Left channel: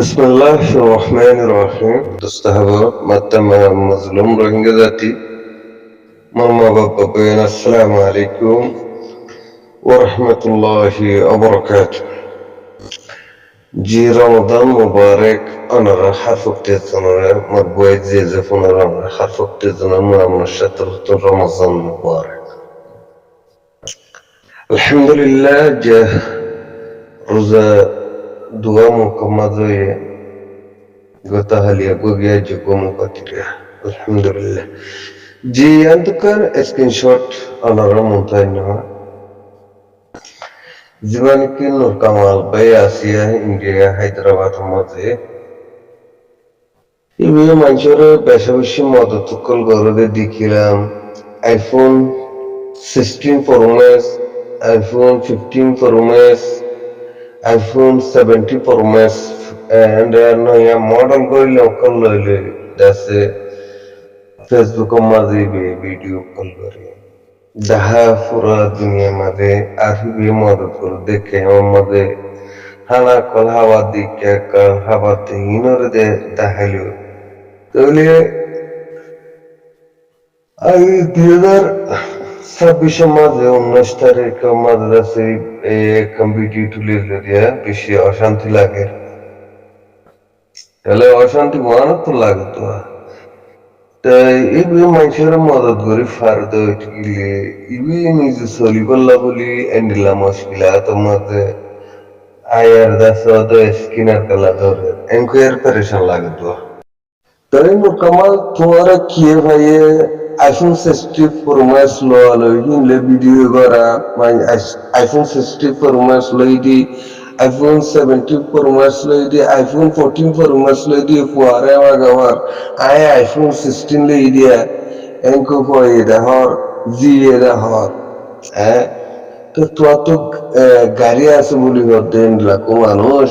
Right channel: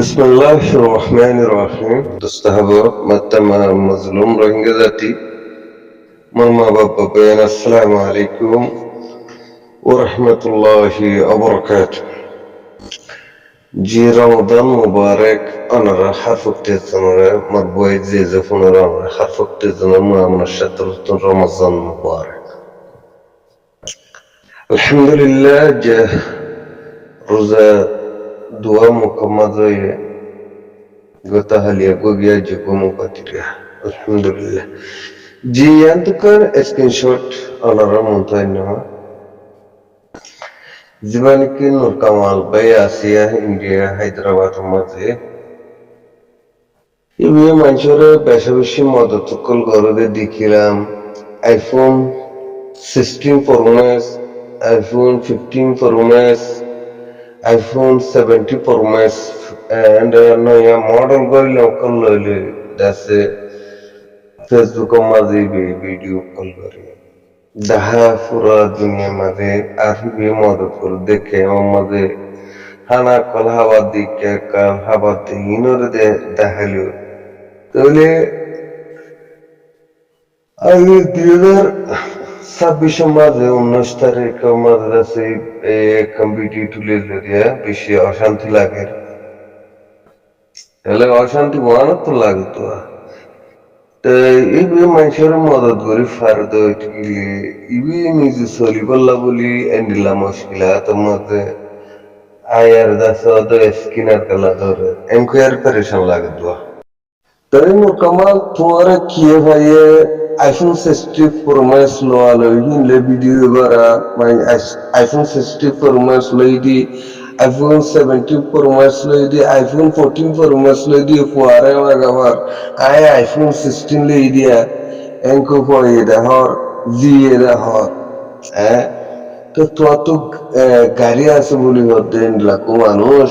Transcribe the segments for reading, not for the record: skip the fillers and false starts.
Bismillahirrahmanirrahim. Dostahaba mattama mazlum Rohingya জাতি আমার মা বাবা আসসালামু আলাইকুম ওয়া রাহমাতুল্লাহি ওয়া বারাকাতুহু। জি রমাদান মুবারক অনারা হারফুকতে জানারে মারবুয়ে যে ফোনারা হারফুকতে জানার মুআমনা শাতরুত রমাদান মুবারক। আলহামদুলিল্লাহ যে রোজা দোয়া মুকম্মল হয়ে Gotahaliya gogia jukumu katiria. Alhamdulillah. Ji yantukan screenshot onara muntaina. Zibaniki Nur Kamal by Asia India Hyderabad maze. Ibi manchore beshi modatukol gorode dikilam iPhone 16 Pro Max, iPhone 15 Pro Max, iPhone 70 Pro Max and নয়া model গইলে call লইলে দাসে Facebook মাঝে video call করে দাহা পুরা দুনিয়া মাঝে আরবি মদত করে দেখে আমার মাঝে হানা কল হাওয়া দিকে কাল হাওয়া ইনরে দে দেখালো তাহলে আমি 2026 মাঝে 19 তারিখ মাঝে দাসে ভিডিও তুলে দিয়া বেশি অশান্তি লাগে তাহলে অশান্তি মনে তো লাগতো তাই এই মানুষের মদত করে ফার্দ গেলে ইবি নিজে চলি পারলা বলি এন্ডিলা মুশকিলা তোমাকে আয়ার দাস তো স্কিনার কালা ধরে এনকোয়ার পরেশান লাগতো তাই মোকামাল তোমার কি ভাইয়ে আইফোন 60 Pro Max লো আলো হিনলে ভিডিও করা মানে আইফোন 60 Pro Max লই দি iPhone 17 Pro Max লই দি iPhone 14 Pro Max লই দি ফুয়ারে মাগাবার iPhone 16 লই দিয়া এনকো পয় দেহর জি দেহর তো তো গাড়ি আছে বলি হতেন লাখো মানুষ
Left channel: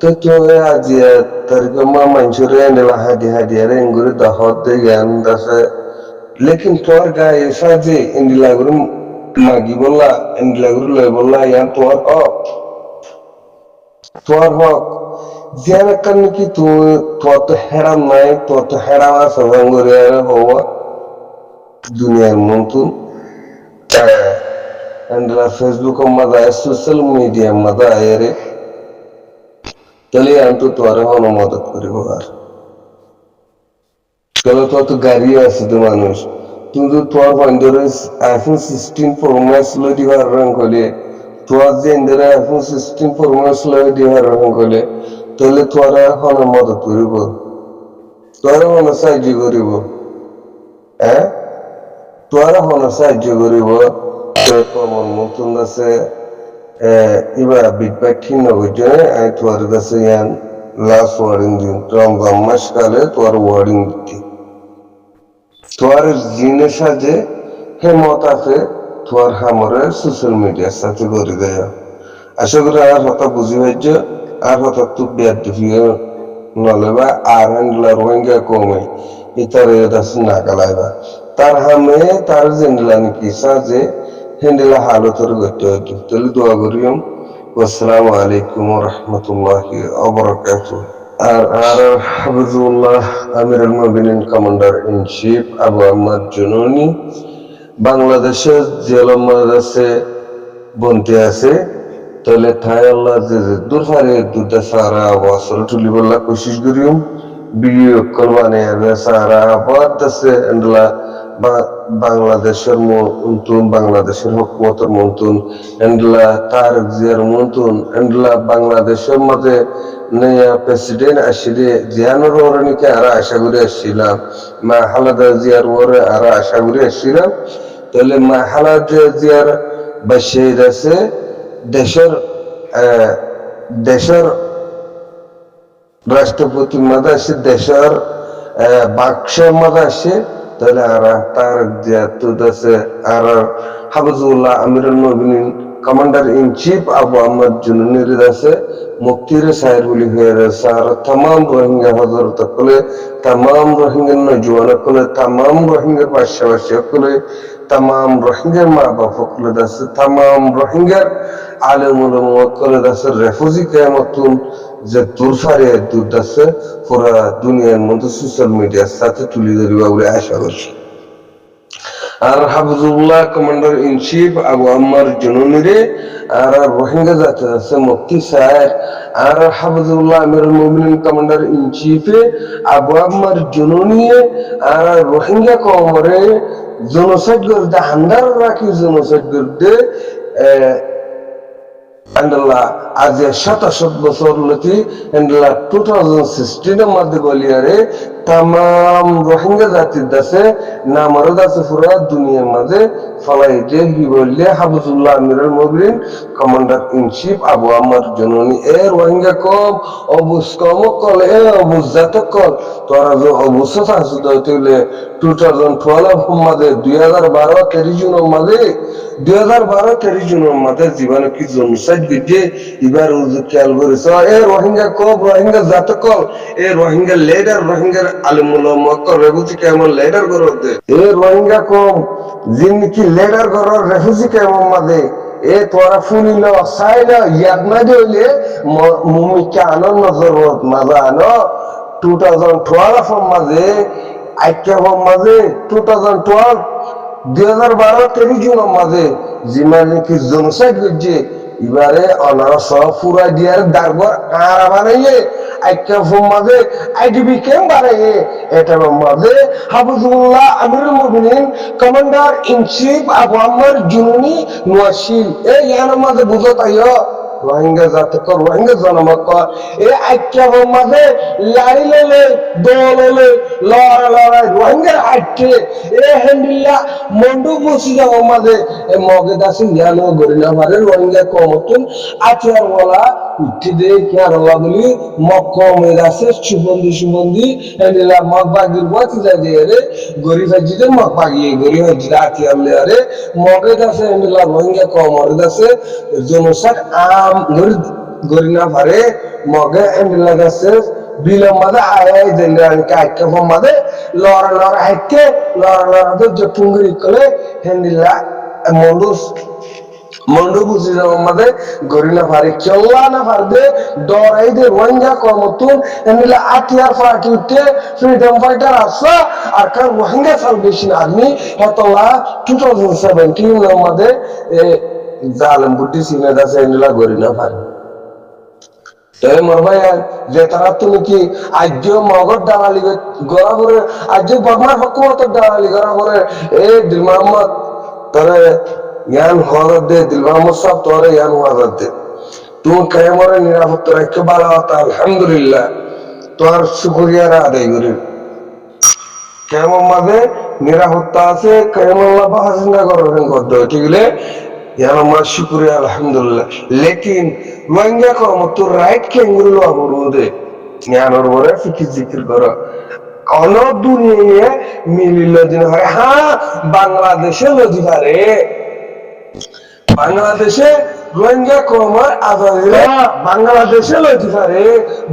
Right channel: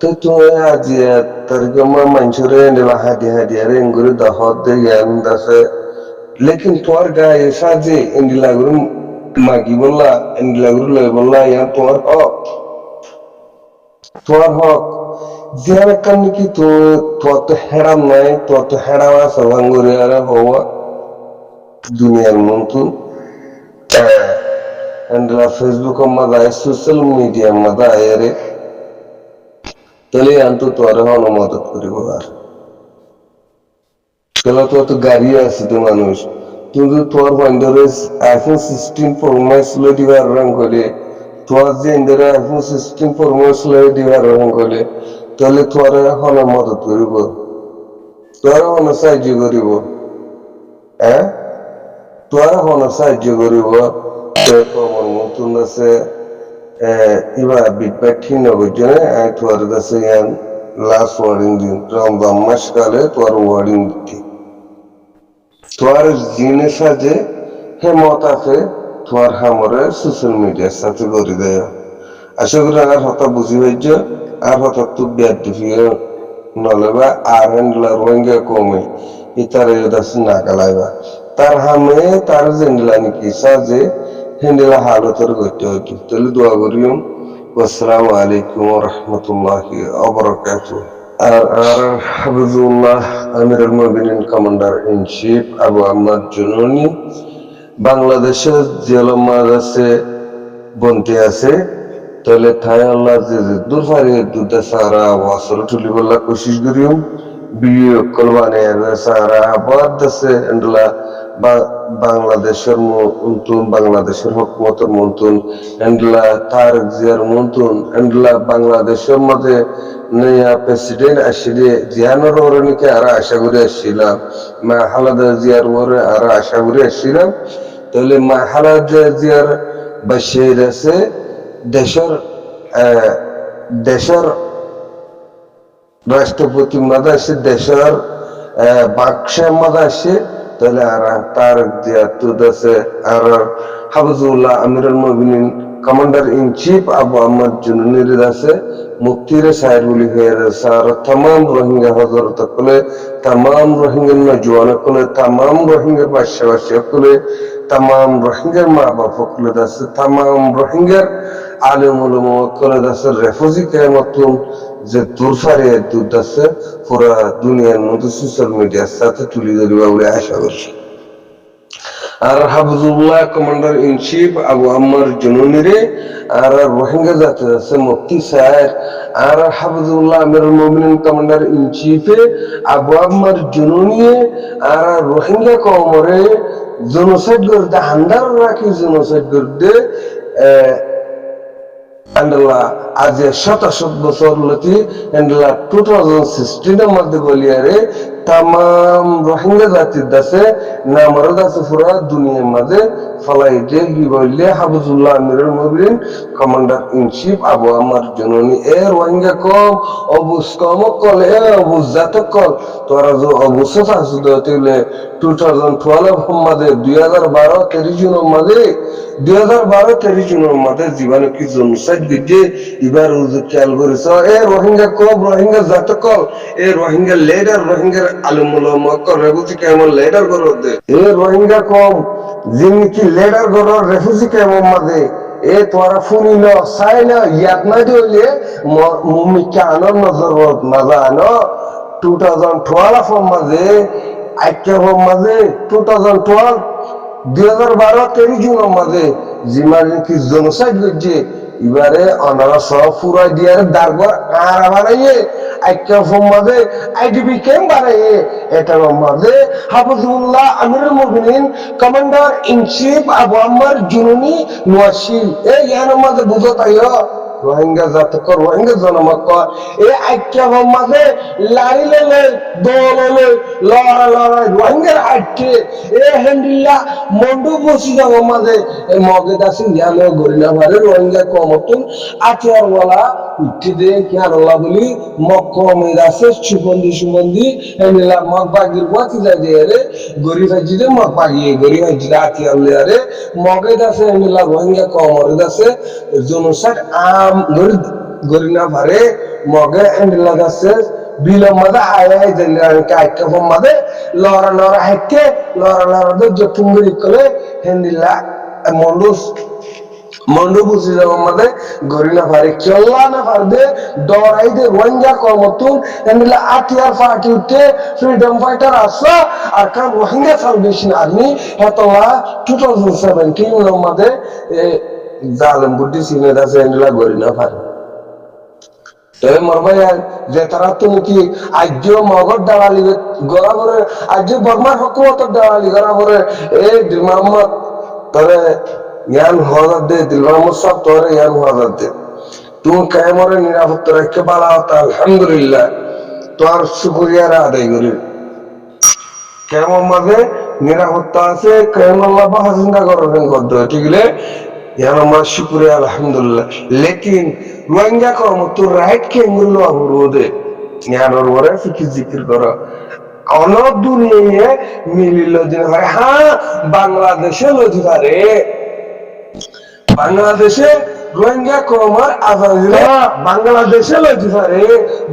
তো তোরে আজিয়া তারিখে মানুষরে এনে হাদিয়া রে এঙ্গুরে দহর দে জ্ঞান দাসে লেকিন তোর গায়ে সাজে এন্ডিলা গুরু মাগি বললা এন্ডিলা গুরু লই বললা ইয়ান তোর হক জিয়ান কান কি তোর তো হেরাম নাই তোর তো হেরাম আছে ভাঙ্গরে আর হওয়া দুনিয়ার মন্তু এন্ডিলা ফেসবুক মাদা সোশ্যাল মিডিয়া মাদা আয়ারে তাহলে আনতো তোর হন মদত করিব আর তাহলে তো গাড়ি আছে তো মানুষ কিন্তু তোর ফাইন্ডারে আইফোন 16 Pro Max লো দিবার রং কইলে তোর যে ইন্দারে আইফোন 16 Pro Max লো দিবার রং কইলে তাহলে তোর হন মদত করিব তোর হন সাহায্য করিব তোর হন সাহায্য করিব তোর কমর মতন আছে ইবা বিটবাক ঠিক নগজে আই তোর কাছে ইয়ান লাস্ট ওয়ার্ডিং দিন রমজান মাস কালে তোর ওয়ার্ডিং দিতি তোর জিনে সাজে হেমত আছে তোর হামরে সোশ্যাল মিডিয়ার সাথে করে দেয় আশা করি আর হতা বুঝি হইজ আর হতা তু বিয়ার দিফিয়ে নলেবা আর হ্যান্ডলার রোহিঙ্গা কমে ইতারে দাস নাগালাইবা তার হামে তার জেন্ডলা নাকি সাজে হ্যান্ডেলা হালতর করতে হতো তাহলে দোয়া করিম আসসালামু আলাইকুম ওয়া রাহমাতুল্লাহি ওয়া বারাকাতুহু আর হাফিজুল্লাহ আমিরুল মুমিনিন commander in chief Abu Ahmad Jununi বাংলাদেশের জেলা মাদ্রাসে বনতে আছে তাহলে থাই আল্লাহ যে দূর ফারে দুধা সারা ওয়াসর তুলি বললা কোশিশ করিম ভিডিও কল বানিয়ে সারা আবার দেশে এন্ডলা বাংলাদেশের মন্তুন বাংলাদেশের হুকুমতের মন্তুন এন্ডলা তার জিয়ার মন্তুন এন্ডলা বাংলাদেশের মাঝে নয়া প্রেসিডেন্ট আসলে জিয়ানোর ওরনিকে আরা আশা করে আসছিলাম মা হালাদা জিয়ার ওরে আরা আশা করে আসছিলাম তাহলে মা হালাদা জিয়ার বাসের আছে দেশের রাষ্ট্রপতি মাদা আসে দেশের বাক্সের মাদা আসে তাহলে আর তার জিয়াতুদ আছে আর হাফিজুল্লাহ আমিরুল মুমিনিন commander in chief Abu Ahmad জুনুনির আছে মুক্তির সাহের বলি হয়ে রয়েছে আর তাম রোহিঙ্গা হজরত কলে তাম রোহিঙ্গার নজওয়ান কলে তাম রোহিঙ্গার পাশাপাশি কলে তাম রোহিঙ্গার মা বাপ কলে আছে তাম রোহিঙ্গার আলেম উলামা কলে আছে রেফিউজি কায়ামতুন যে তোর ফারে তোর আছে পুরা দুনিয়ার মধ্যে সোশ্যাল মিডিয়ার সাথে তুলে ধরিবা বলে আশা করছি। আর Hafizullah commander in chief Abu Ammar জুনুনিরে আর রোহিঙ্গা জাতির আছে মুফতি সাহেব আর হাফিজুল্লাহ আমিরুল মুমিনিন কমান্ডার ইন চিফে আবু আম্মার জুনুনিয়ে আর রোহিঙ্গা কমরে জনসাইড করতে হান্দার রাখি জনসাইড করতে আন্ডাল্লাহ আজ ৭৭ বছর লতি আন্ডাল্লাহ 2016 মধ্যে বলিয়ারে তাম রোহিঙ্গা জাতির দাসে নামরো দাসে পুরা দুনিয়ার মাঝে ফলাই যে কি বললে হাফিজুল্লাহ আমিরুল মুমিনিন কমান্ডার ইন চিফ আবু আম্মার জননী এ রোহিঙ্গা কম অবুজ কম কল এ অবুজ জাত কল তোরা যে অবস্থা আছে দইলে 2012 মাঝে 2012 30 জুন মাঝে 2012 30 জুনের মাঝে জীবনে কি জনসাইড গিয়ে এবার খেয়াল করেছ এ রোহিঙ্গা কম রোহিঙ্গা জাত কল এ রোহিঙ্গা লেডার রোহিঙ্গার আলমুল্লাহ রেফুজি কেমন লেডার করো দে এ রোহিঙ্গা কম যিনি লেডার করো রেফুজি কেমন মাঝে এ তোরা ফুনিল চাইল ইয়াদ না দিলে মুমিকা আনন্দ নজর মাজা আনো 2012 মাঝে আইক্যা মাঝে 2012 2012 30 জুনের মাঝে যিমান কি জনসাইড করছে এবারে অনারা সব ফুরাই দিয়ার দারগর আরা বানাইয়ে আইক্যা মাঝে আইডিবি ক্যাম্প বানাইয়ে এটার মাঝে হাফিজুল্লাহ আমিরুল মুমিনিন কমান্ডার ইন চিফ আবু আম্মার জুনুনি নোয়াশিল এ ইয়ার মাঝে বুঝো তাইও রোহিঙ্গা জাতক রোহিঙ্গা জনমক এ আইক্যা মাঝে লাড়ি লেলে দোললে লড়াই রোহিঙ্গার আটকে এ হেন্ডিল্লা মন্ডু বসি যাব মাঝে মগে দাসি ইয়ানো গরিনা মারে রোহিঙ্গা কমতুন আচার ওয়ালা উঠে দে কেরালা বলি মক্কমে দাসে সুবন্দি হেন্ডিল্লা মগ বাগির বাতি যায় দে রে গরিব হাজিদে মগ বাগিয়ে গরিব হাজিদে আতিয়ার লে রে মগে দাসে হেন্ডিল্লা রোহিঙ্গা কমরে দাসে জনসাট গরিনা ভারে মগে হেন্ডিল্লা দাসে বিলম মাঝে আয় জেনারেল কাইকা ফম মাঝে লড়া হাইকে লড়া দে জটুঙ্গরি কলে হেন্ডিল্লা মন্ডু বুঝি যাব মাঝে গরিনা ভারে কেল্লা না পারবে ডরাই দে রোহিঙ্গা কমতুন হেন্ডিল্লা আতিয়ার পার্টি উঠে ফ্রিডম ফাইটার আসা আর কার রোহিঙ্গা সালভেশন আর্মি হেতলা 2017 মাঝে জালেম বুদ্ধি সিনে দাসে হেন্ডিল্লা গরিনা ভারে যে তারা তো নাকি আজ মগর দালালি গড়া ভরে আজ বর্মার হকুমতের দালালি গড়া ভরে এ দিল মোহাম্মদ তোরে ইয়ান হজর দে দিল মোহাম্মদ সব তোরে ইয়ান হজর দে তুই কেমরে নিরাপত্তা রাখতে বালা হতা আলহামদুলিল্লাহ তোর শুকরিয়ার আদায় করি কেমন মাঝে নিরাপত্তা আছে কেমল্লা বাহা চিন্তা করেন গদ্দ ঠিক ইয়ানমা শুকরিয়া আলহামদুলিল্লাহ লেকিন রোহিঙ্গা কমতো রাইট কেঙ্গুরু লবরুদে ইয়ানোর ওরে ফিকি জিকির করো অন দুনিয়ায় মিলিল দিন হয় হ্যাঁ বাংলাদেশে লজি পারে বাংলাদেশে রোহিঙ্গা কমার আজাদিরা বাংলাদেশে লজি পারে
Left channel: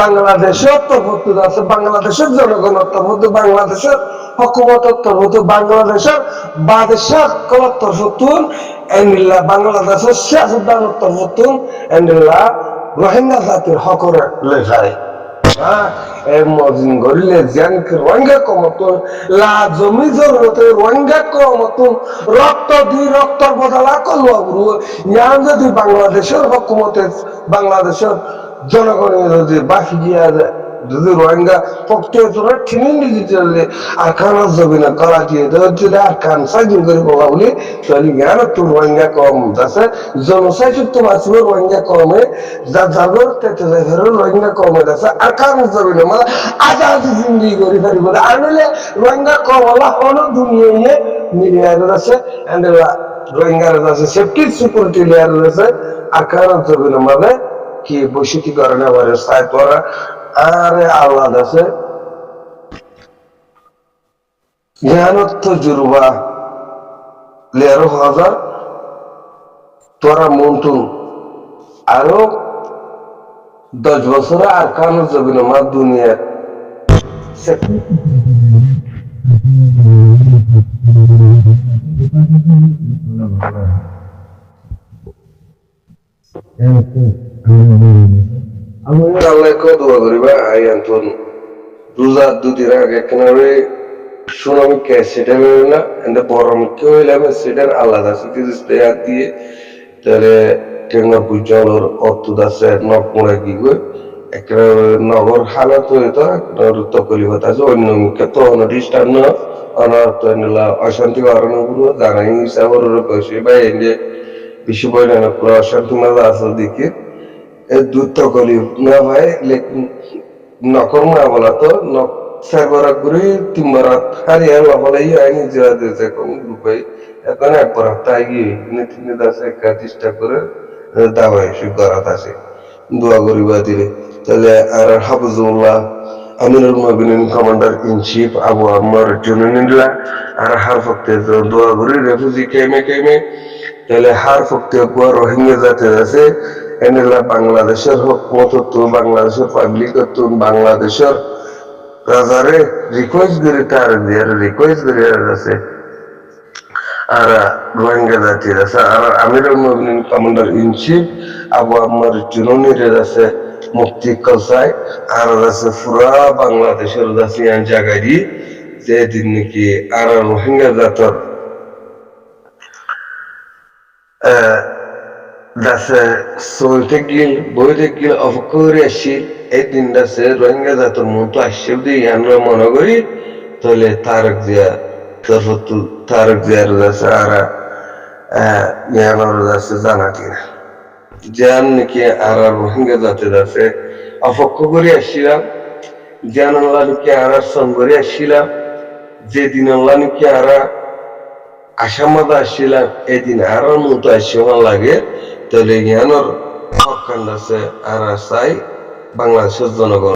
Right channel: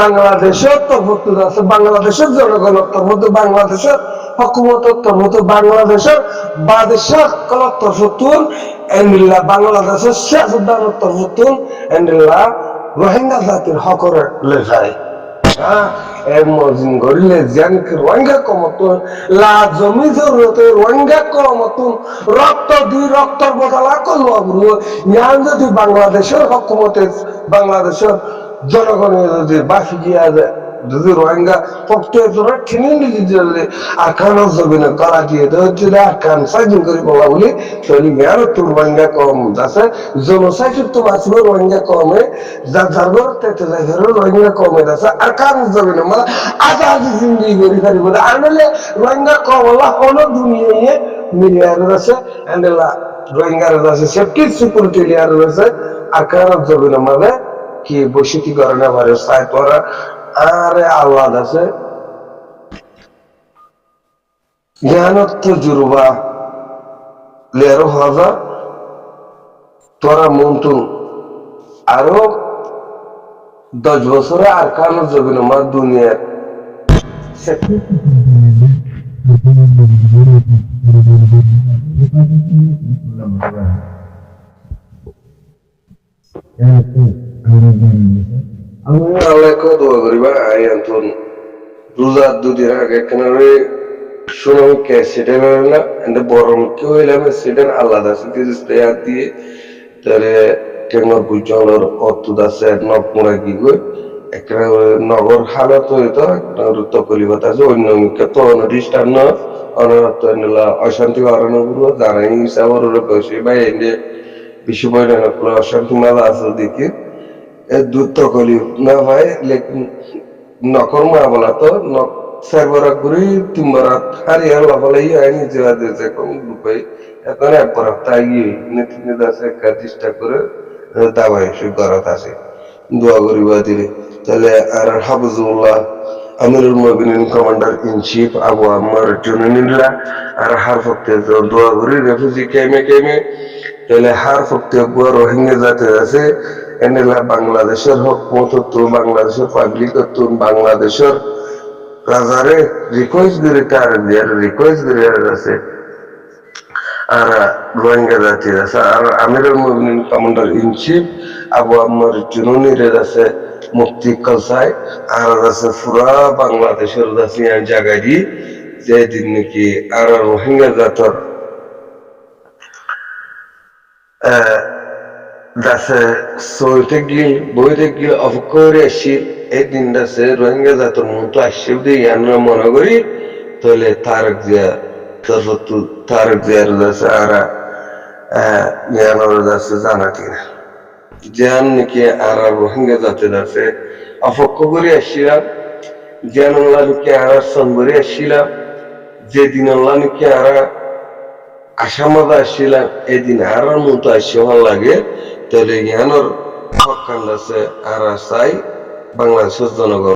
বাংলাদেশের তরফ আছে বাংলাদেশের জনগণের তরফ বাংলাদেশের হকুমতের তরফ বাংলাদেশের বাদশাহ কলার তরফ এন্ডিল্লা বাংলাদেশের সিয়াসতদানের তরফ এন্ডিল্লা রোহিঙ্গা জাতির হকরে লেখায় মজিন গরিলে জানকে রোহিঙ্গা কমতুন লা জমি জরুরতে রোহিঙ্গা কমতুন রক্ত দি রক্তর বদলা করলো গুরু ইয়ান যদি বাংলাদেশের হকুমতে বাংলাদেশের জনগণের যদি বাকি গিয়া যায় যদি রোহিঙ্গা পক্ষে তোরা ঠিনিয়ে দিতে আর কানা যাবে না গলা দিয়ে যদি আর কান সাইজিং করে বলা বলি তাহলে জ্ঞান তো রোহিঙ্গা কম যাচ্ছে জনসাইড তো বাঁচবে রোহিঙ্গা কমে যা যার তেতে যাই রোহিঙ্গা কমে যাচ্ছে আর কান যাবে না মানে আজাদি জিন্দি করি পারিব আর নইলে রোহিঙ্গা কম হলা হলো দুনিয়ায় মিলিয়ার আছে এন্ড রোহিঙ্গার আছে সেফটি সিকিউরিটি লেয়ার আছে আর কান যাবে না মানে কি বসতি করে না পারে সাই তোরা আরে আল্লাহ আছে জ্ঞানত জুরবা লেরো হাজার তোরা মন্তুন আরো 10 বছরে আর কানো যাবি না মা দুনিয়া আমি আল্লাহকে দোয়া করিবা আই আন্তন রোজার দুদিন আগে কেনারে সুনামিকে সেটা না এন্ড বরমকে হইলাম সেটা আল্লাহ দাসে দিস্তে দিয়ে তাহলে টেঙ্গর বুঝলর অর্থ দাসে নক মোড়া কি গই একটা নগর হালত হইতো তকলিফত আছে অন্য মুখে তো অনডিস্টান্ন অনর্থ অশান্তি কারণ গুরু জানাই হিসাবর কইছি বা এন্ডে বিশ্ব পরিণাম অশান্তি মাঝে আছে দেখি দূর তকলিফ না ভাই লেকিন নকর মা বলা তো নক চারবার ঘুরি তিনবার হারিয়ে লাফালাই আইনি জেলা দিয়েছে এখন গ্রুপে এখন একবার তাই নেতিনে আছে একটা চেষ্টা করে দাবাই সে গড়াত আছে দোয়া করিবা দিলে তাহলে আর হাফিজুল্লাহ আমিরুল মুমিনিন কমান্ডার ইন চিফ আবু আম্মার জুনিনিল্লাহ আর হার ফক্তে দোয়া করি রেফিউজি কেমে তাহলে হার ফক্তে বুয়া রোহিঙ্গা জাতি আছে এনেলা বাংলাদেশের হক মত তো বাংলাদেশের পাবলিক তো বাংলাদেশের রাজারে রিকোয়েস্ট করে তার দিয়ে রিকোয়েস্ট করে আছে আর রোহিঙ্গা জাতির আছে আর আমিরুল মুমিনিন কমান্ডার ইন চিফ আবু আম্মার জুনুনির আছে মুক্তি কলসাই আর আছে পুরা বাংলাদেশের আছে জায়গায় দি যে দিন নাকি আর রোহিঙ্গা জাতর দাসে সইতে গিল বইতে গিল অপকরে আসিল এই দিন দাসে রোহিঙ্গা জাতর মন তো আসছে দিয়ে আমরা মনে করি তাহলে তারক জিয়া তরফতু তারক জিয়ার দাসে আর ইয়ানোর দাসে জানা কিনা জ্ঞান নাকি আর রোহিঙ্গা জাতের আছে অপক্ষ করে আসছিলাম জ্ঞান আল্লাহ নাকি আর সন করে আসছিলাম যেদিন আল্লাহ নাকি আর আসামাদা আসছিলাম এদিন আর মতো আসিও লাগে তাহলে জ্ঞানোর হক কান্দাছে আর চাই বাংলাদেশের জনগণ